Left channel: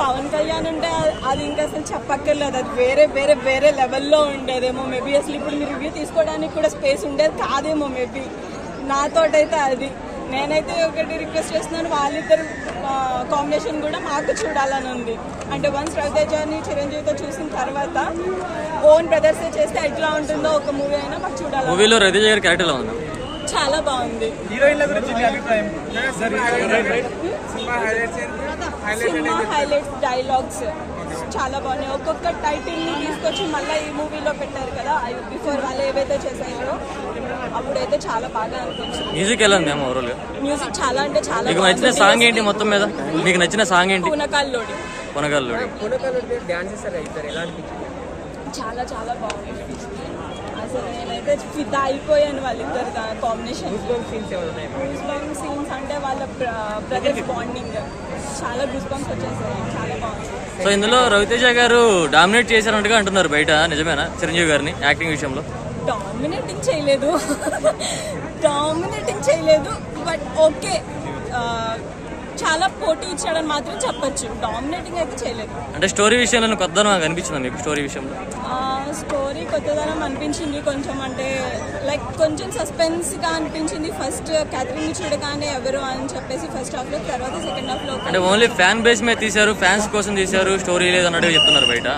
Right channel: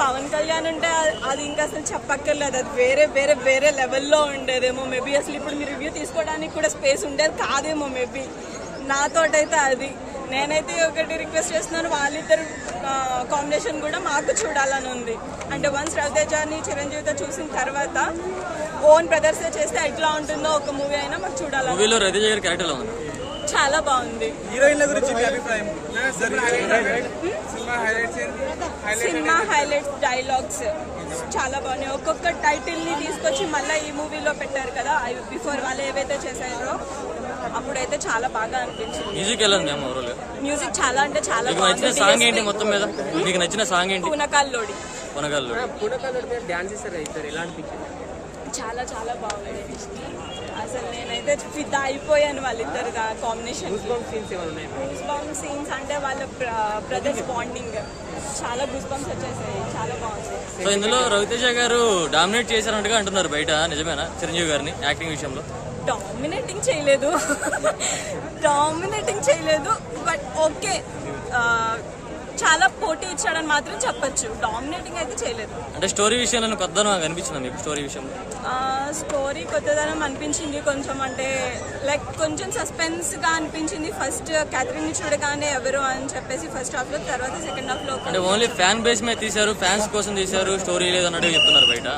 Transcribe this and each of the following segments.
పవన్ కళ్యాణ్ ఉంటే అది ఇంకా అసలు చెప్పక్కర్లేదు, అది వేరే వేరే వేరే లెవెల్లో ఉండేదేమో మేబీ. అసలు ఇప్పుడు మీరు రివ్యూ తీసుకోవడానికి కూడా స్పేస్ ఉండేది కాదేమో మేబీ నాతోటైతే. అది నేనైతే ఒకటి రిక్వెస్ట్ చేస్తున్నాను, వాళ్ళిద్దరు కాంబినేషన్ కూడా మాకు చూడాలని ఉంది. అంటే వన్స్ రవితేజని చిరంజీవితో చూసిన తర్వాత ఓన్ బ్రదర్స్ చేస్తే ఎట్లా ఉంటుందో ఒక మూవీ అయినా మాకు చూడాలి. మూవీలో రవితేజ గారి క్యారెక్టర్ ఉంది, చాలా బాగుంది. సినిమా హైలైట్స్, డైలాగ్స్ చాలా బాగున్నాయి. ఒక్కొక్క టైటిల్ ని తీసుకొచ్చి మళ్ళీ ఈ మూవీలో పెట్టారు కదా, బిఫోర్ వాళ్ళు ఏవైతే చేశారో అప్పుడైతే చాలా బాగా అనిపించింది. మ్యూజిక్ ఎలా ఉంది ఓవరాల్? మ్యూజిక్ చాలా అంటే చాలా. మీకు నచ్చిన సాంగ్ ఏంటి మొత్తం మీద? మీకు నచ్చిన సాంగ్ ఏంటి? పునకాల్లోడి. చాలా చాలా బాగుంది అసలు. నేనైతే ఫిదా అయిపోయాను వాళ్ళిద్దరు కాంబినేషన్. సీన్స్ అంటే వాళ్ళ బ్రదర్స్ బాండింగ్ చాలా గూస్ బంప్స్ వచ్చేసాయి, చాలా బాగుంది. సో ఇందులో రవితేజ గారు డామినేట్ చేశారంటగా అంటున్నారు బయట, నిజమేనా చిరంజీవి గారిని యాక్టింగ్ విషయంలో? డామినేటింగ్ చేయలేదు బట్ ఓకే, చాలా పోటీ ఇచ్చాడని మాత్రం చెప్పొచ్చు. డామినేటింగ్ అయితే చేయలేదు. అంటే స్టోరీ విషయంలో కొత్తదనం అనిపించిందా మీకు? స్టోరీ విషయంలో స్టోరీ కొత్తదనం అనిపించింది కొంచెం. అంటే లైక్ కొంచెం సస్పెన్స్ గా అనిపించింది. ఫస్ట్ క్యాథరిన్ చూడగానే ఎవరు అని చెప్పేసి ఫస్ట్ హాఫ్ లో, తర్వాత సెకండ్ హాఫ్ లో అంటే ఓన్లీ ఫ్యాన్ బేస్ మీద తీశారు, ఫ్యాన్స్ కోసం తీశారు, స్టోరీ లేదన్నట్టు చెప్తున్నారు బయట.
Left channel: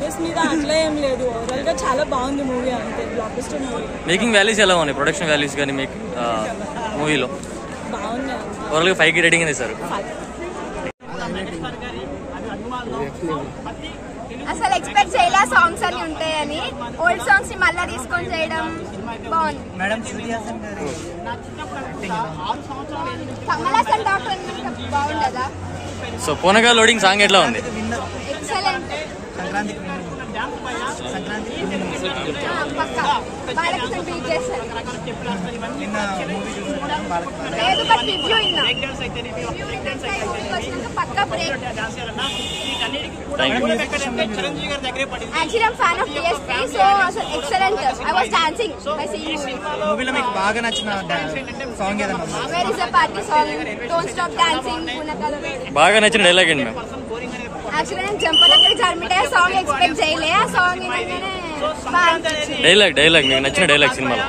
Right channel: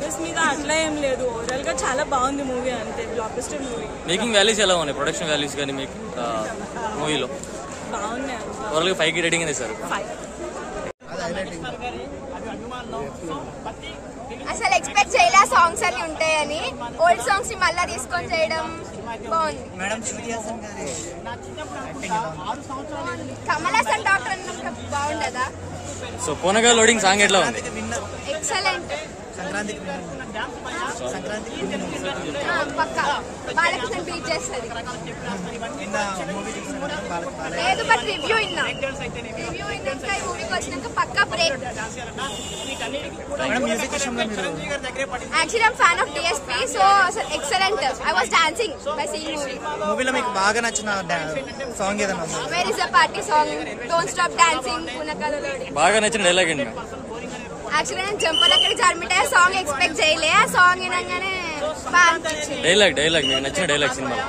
బేస్ మీద అట్లా ఏం లేదు, ఓవరాల్ గా చాలా బాగుంది మూవీ, అంతే block buster movie. Making values ఎలా ఉన్నాయి? ప్రొడక్షన్ వాల్యూస్ కానీ మీకు మూవీలో బాగున్నాయి. ఓవరాల్ గా 5కి రేటింగ్ ఇస్తారు. అసలు ఎక్స్పెక్ట్ చేయలే సాంగ్స్ అని ఉంటాయని. ఓల్డ్ సాంగ్స్ ని మళ్ళా తీసుకొని చేయడం బాగుంది. కమల్ హాసన్ డాక్టర్ బాగుండదా? సో పూనగా లోడింగ్ సాంగ్ ఎట్లా ఉంది? ఎక్సలెంట్. బాలకృష్ణ బీట్ చేస్తారు. రివ్యూ ఇన్నా వచ్చినాక పక్కా break. Actually, I'm fan of DSP, so excellent. I was dancing by seeing movie. మూవీలో మీకు బాగా నచ్చిన సాంగ్ ఏదైనా ఉందా? Where is the party song? Don't stop dancing. పునకాలలో బాగా నచ్చిన డైలాగ్ ఏంటి మ్యామ్? యాక్చువల్లీ నేను జంపలక్కడ జర్మిటే సాంగ్ ఎక్స్పెక్ట్ చేయలే. ఆ సాంగ్ వినగానే బాగా అనిపించింది. డైలాగ్ మీకు నచ్చిన డైలాగ్ సినిమాలో?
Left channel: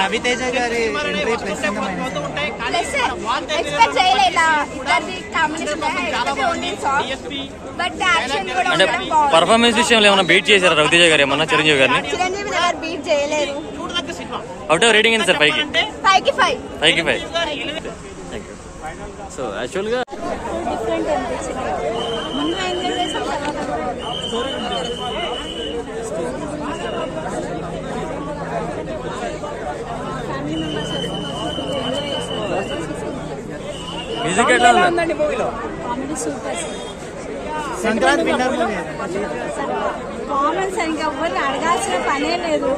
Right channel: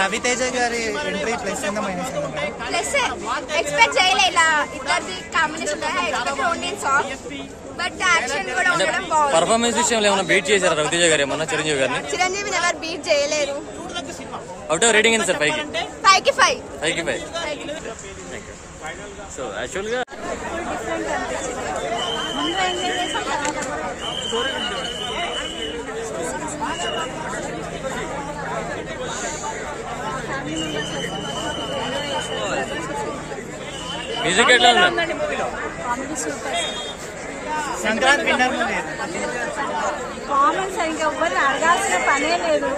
రవితేజ గారి ఎంట్రీ ప్లస్ ఎక్స్పెక్ట్ చేయలే ఇలా ఇద్దరిది combination. Only song but action కూడా ఉండడం బాగుంది. పర్ఫార్మెన్స్ విషయంలో ఏమైనా బీట్ చేశారా రవితేజ గారు ఏమన్నా చిరంజీవి గారిని? చిరంజీవి గారు బీట్ చేయలేరు. అవుట్ ఆఫ్ రేటింగ్ ఏంటి సార్? 5కి 5. సో యాక్చువల్ గా డిఫరెంట్ అనిపించింది. ముందు ఎంజాయ్ చేసాం, తర్వాత ఫ్యామిలీ మెంబర్స్ ఎంజాయ్ చేస్తారు. మ్యూజిక్ ఎట్లా ఉంది? Comedy super. Sankranti winner movie. Comments ఇంకా ఎవ్వరు అడగాల్సిన పనే లేదు.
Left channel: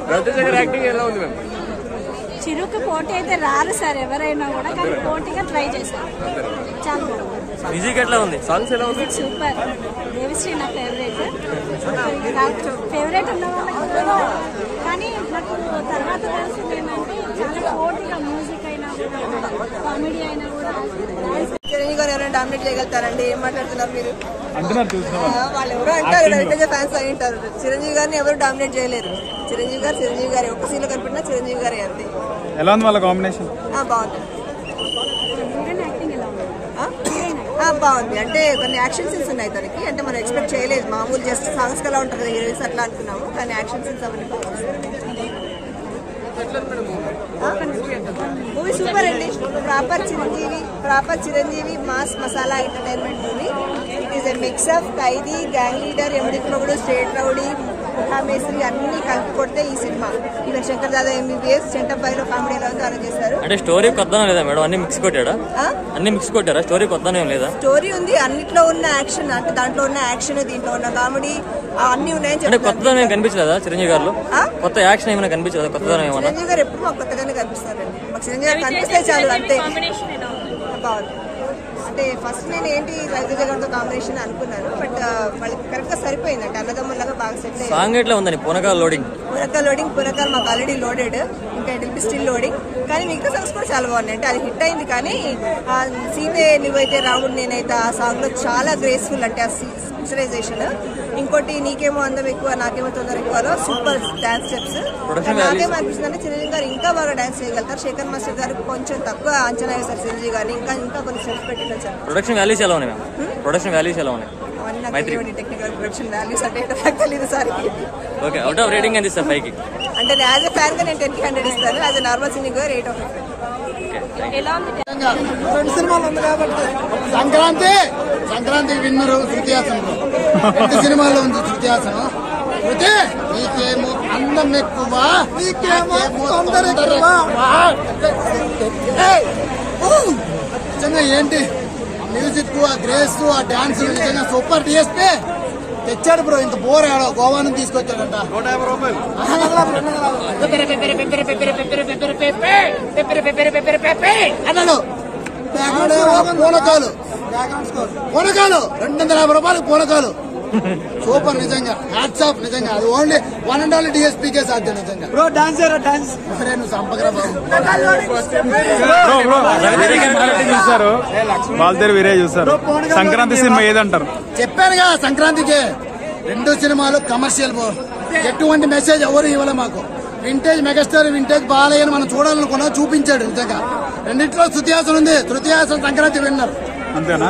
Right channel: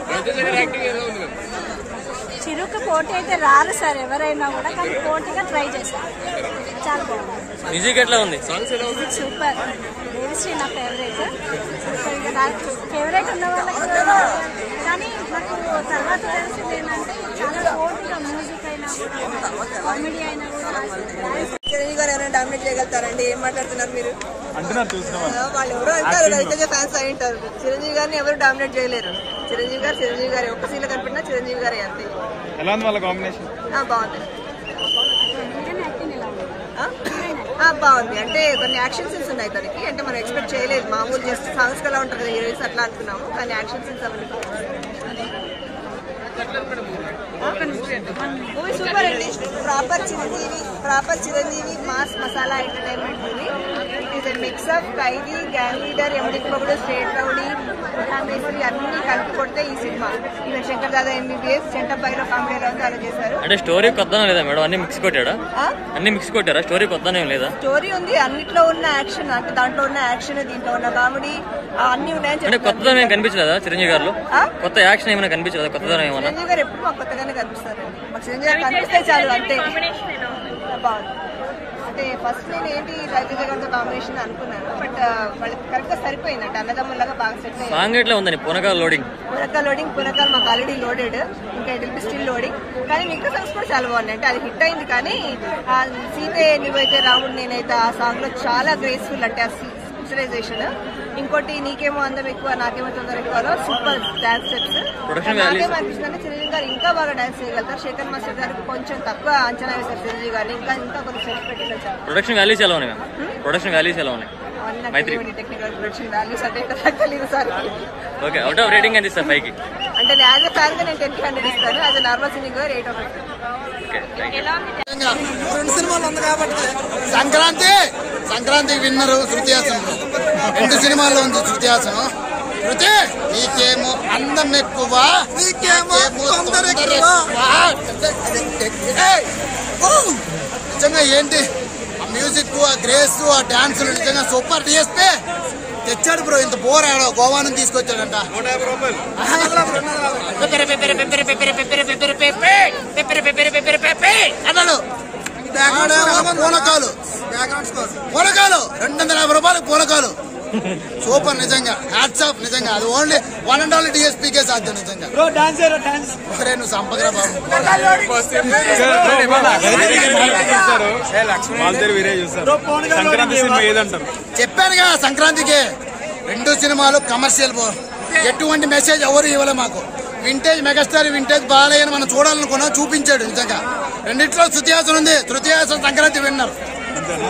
చిరుకు పోటీ అయితే రారు సార్ ఎవరైనా కూడా, కానీ పోటీగా ట్రై చేశారు. చాలా బాగుంది. మ్యూజిక్ ఎట్లా ఉంది? సాంగ్స్ ఎలా ఉంది? సూపర్. దేవిశ్రీ నా ఫేవరెట్. ఫేవరెట్ ఉన్న వాళ్ళకి కానీ నాకు తర్వాత తెలిసింది ఏంటంటే చాలా పోటీగా మ్యూజిక్ అయినా కూడా కామెడీ అయినా కూడా. చిరంజీవి గారు ఎవరైనా డామినేట్ చేయగలుగుతారండి? ఏం మాట్లాడుతున్నారు మీరు? వాళ్ళు ఎవరో అంటారు, రవితేజ ఫ్యాన్స్ అయి ఉంటారు. చిరంజీవి గారిని ఎవరు డామినేట్ చేయలేరు. చిరంజీవి గారు ఒక్క సీన్లో కనిపెట్టినా చిరంజీవి గారే అంతే. ఎలా ఉంది వాళ్ళ కాంబినేషన్? బాగుంది. బాగుంది. అంటే కొన్ని యాక్షన్ సీన్స్ ఉన్నాయి తనకి, అంటే మనం ఎక్స్పెక్ట్ చేయలేదు. మామూలు జస్ట్ సాంగ్స్ కలా ఉంటుంది కదా హీరోయిన్స్, అట్లా అనుకున్నాము, కానీ యాక్షన్ సీన్స్ అవన్నీ మూవీ సూపర్ అండి. Proper Chiranjeevi mass masala entertainment movie. It is a mix of Khaidi, gang leader, Yamudiki Mogudu, state rowdy, Muthameshwari అన్ని కలిపి కొడితే ఈ సినిమా. ఇక శంకర్ దాదా ఎంబీబీఎస్, చెంటపైలో కామెడీ ఎలా ఉంది అలా చేశారు. అంటే స్టోరీ కొత్తనా లేదా మేడం? అన్ని మిక్స్ కొట్టాడా? అన్ని మిక్స్ కొట్టారా? స్టోరీ కొత్తనే లేదా? స్టోరీ ఉంది, అన్నిట్లో ఉన్న యాక్షన్, అంటే దాంట్లో ఉన్న యాక్షన్, దీంట్లో ఉన్న కామెడీ అన్ని ఉన్నాయని అంటే కొత్తదనం ఏమైనా కనిపించలేదా చిరంజీవి గారిలో? కొత్త యాక్షన్ ఏమైనా కనిపించలేదా? కొత్తదనం ఏమన్నా? చిరంజీవి గారు ఎప్పుడు మాకు కొత్తగానే కనిపిస్తారండి. మాకు చిరంజీవి గారు కనిపిస్తే చాలు అంతే. బాగుంది. అంటే ఫస్ట్ నేను ఏంటి రవితేజ గారితో కాంబినేషన్ అనుకున్నాను, బట్ వాళ్ళకి కరెక్ట్ గా సరిపోయింది అంటే అన్నదమ్ములాగా బాగా సెట్ అయింది. సాంగ్ ఎట్లా ఉందని పునకాల లోడింగ్ మాకు ఆల్రెడీ లోడెడ్, ఇంకా it will be still loading. కానీ మిగతా సాంగ్స్ కూడా చాలా బాగున్నాయి. అంటే అది హిట్ అయింది, కానీ సీతే నువ్వైతే రాముడు నేనైతే ఆ సాంగ్ లో చాలా గ్రేస్ఫుల్, అంటే ఆ పిక్చరైజేషన్. ఇంకోటి నీకేమో అందం ఎక్కువ నాకేమో తొందర ఎక్కువలో సూపర్ డాన్స్ స్టెప్స్. నాకేమో అనిపిస్తుంది చిరంజీవి గారు ఇంకా బాగా డాన్స్ చేయగలుగుతారు. శేఖర్ మాస్టర్ గారు కొంచెం తక్కువ అంచనా వేశారు చిరంజీవి గారిని, ఇంకా కొన్ని స్టెప్స్ పెట్టి వచ్చారు. ప్రొడక్షన్ వాల్యూస్ ఎలా ఉన్నాయి మ్యామ్? ప్రొడక్షన్ వాల్యూస్ ఎలా ఉన్నాయి? టెక్నికల్ ప్రొడక్షన్ వాల్యూస్ అంటే నాకు తెలియదు sir. Okay, out of rating ఎంత ఇస్తారు పైకి? అంటే యాజ్ ఎ ఫ్యాన్ గా నేను 10/100 ఇస్తాను. As a normal cinema 8 out of 10. Okay, thank you. 2 సినిమాలు ఉంది కాబట్టి సంక్రాంతి విన్నరు శృతి హాసన్. 2 సినిమాల్లో ఉంది శృతి హాసన్. శృతి నీకేమో అందం ఎక్కువ, నీకేమో తొందర ఎక్కువ. నిజంగా ఏంటి ఆ మ్యూజిక్, ఆ గ్రేస్, ఆ డాన్స్ నిజంగా సూపర్. డిఎస్పీ తెచ్చాడు బ్రో, ఇంత బోర్ ఆడో గోవా నుంచి తీసుకొచ్చాడంట. 150 రూపాయలు. అన్నాడు పూనకాలు 250 రూపాయలు పూనకాలు. సూపర్ నిజంగా, హ్యాట్స్ ఆఫ్ నిజంగా. అది ఓన్లీ 1 and only డిఎస్పీకే సాధ్యం నిజంగా. నువ్వు సంపగరా బాబు. సంక్రాంతి సినిమా ఏదంటారు? చెప్పాను కదా, సంక్రాంతికి 2 సినిమాలు కమర్షియల్. ఎటువంటి మెసేజ్ ఎవరు ఇవ్వలే మాకు. వింటేజ్ మెగాస్టార్, వింటేజ్ బాలయ్య అని మనం చూడాలనుకున్నా, చూపించాడు నిజంగా. రెండిట్లో శృతి హాసన్ ఉంది. శృతి హాసన్ సంక్రాంతి విన్నర్. అంతేనా?